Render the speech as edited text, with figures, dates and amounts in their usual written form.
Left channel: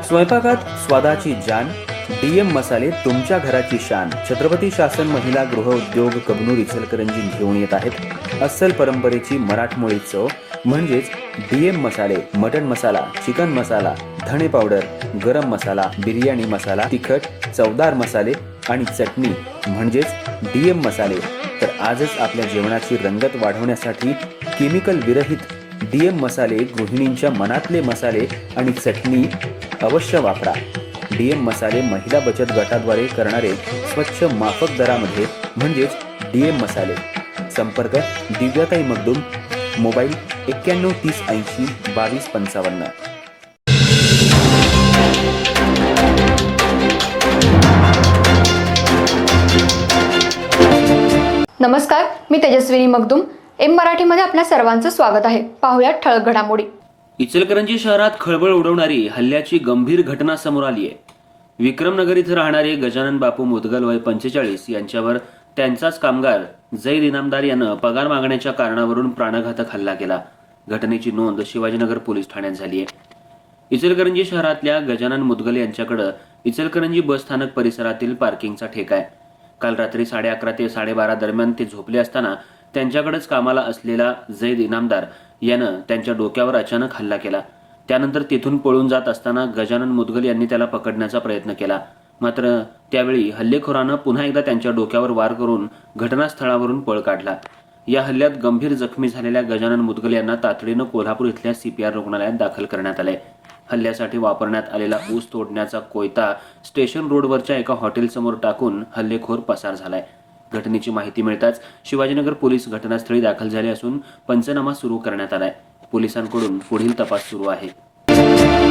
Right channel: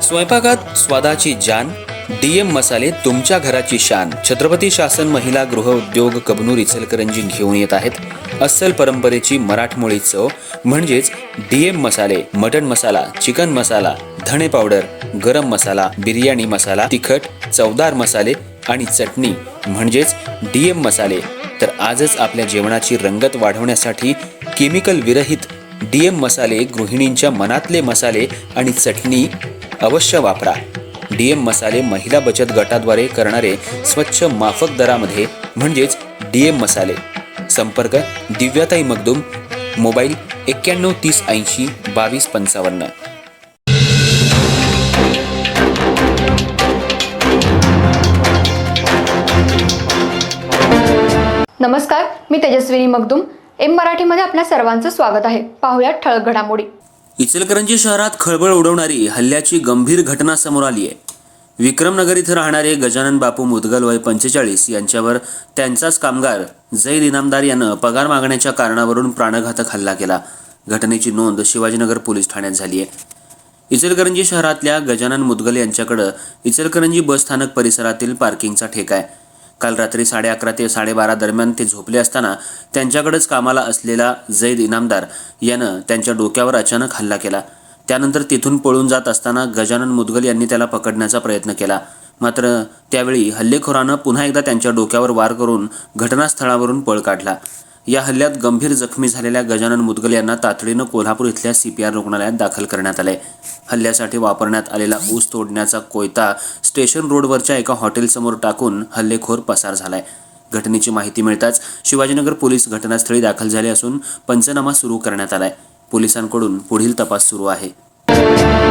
स्वयंपाकात स्वादाची जान, डीएम मसाले तुमच्या घराची शान. छत्रपती शासन महिला गृह उद्योग कबनूर इचलकरंजी घेऊन येत आहेत अस्सल परंपरेची मराठमोळी चव म्हणजेच डीएम मसाले. मटन मसाला, चिकन मसाला, धणे पावडर, गरम मसाला, बिर्याणी मसाला, तिखट चवदार मसाले आणि चटणी म्हणजेच डीएम मसाले. तर आजच आपल्या जेवणाची रंगत वाढवण्यासाठी केमिकल विरहित डीएम मसाले, गृहिणींच्या मनातले मसाले आणि चटणी अवश्य वापरा. डीएम मसाले महिला बचत गटाद्वारे करणारे स्वच्छ माफक दरामध्ये म्हणजेच डीएम मसाले. संपर्क दिव्याताई मगदूम, मोबाईल 91 30 80 22 55. नमस्कार, मी तेजस्विनी मगदूम. एम मराठीमध्ये आपल्या सर्वांचं स्वागत आहे. पाहूयात ठळक घडामोडी. इचलकरंजी शहरात खळबळ उडवणारी हल्ल्याची गंभीर घटना समोर आली आहे. विक्रमनगर इथं राहणारे गजानन बापू मुदगल वय 45 यांच्यावर त्यांचाच कामगार जैद इनामदार यानं पगार मागण्याच्या कारणावरून प्राणघातक हल्ला केला. घटनेची नोंद शिवाजीनगर पोलीस ठाण्यात झाली आहे. इचलकरंजी शहरातल्या गजानन मुदगल यांच्याकडे इचलकरंजी बस स्थानक परिसरातील पार्किंगचा ठेका आहे. काल रात्री 11:30 ते 12:30 दरम्यान ते झोपले असताना त्यांच्याकडेच कामाला असलेला जैद इनामदार यानं त्यांच्या डोक्यावर अचानक हल्ला केला. त्यानंतर तिथून पळून जात असताना गजानन मुदगल यांनी त्याला पकडण्याचा प्रयत्न केला. मात्र त्यावेळी हल्लेखोरानं पुन्हा एकदा त्यांच्या डोक्यावर वार करून घटनास्थळावरून पळ काढला. या हल्ल्यात गंभीर जखमी झालेल्या गजानन मुदगल यांना तातडीनं कोल्हापूर इथल्या CPR रुग्णालयात दाखल करण्यात आले. हल्ल्यासाठी वापरण्यात आलेला ऊस तोडण्याचा कोयता स्टेशन रोडवरच्या एका हॉटेलसमोर टाकून हल्लेखोर पसार झालाय. घटनेची माहिती मिळताच शिवाजीनगर पोलीस घटनास्थळी दाखल झाले असून पंचनामा सुरू करण्यात आलाय. पोलिसांकडून पुढील तपास सुरू आहे.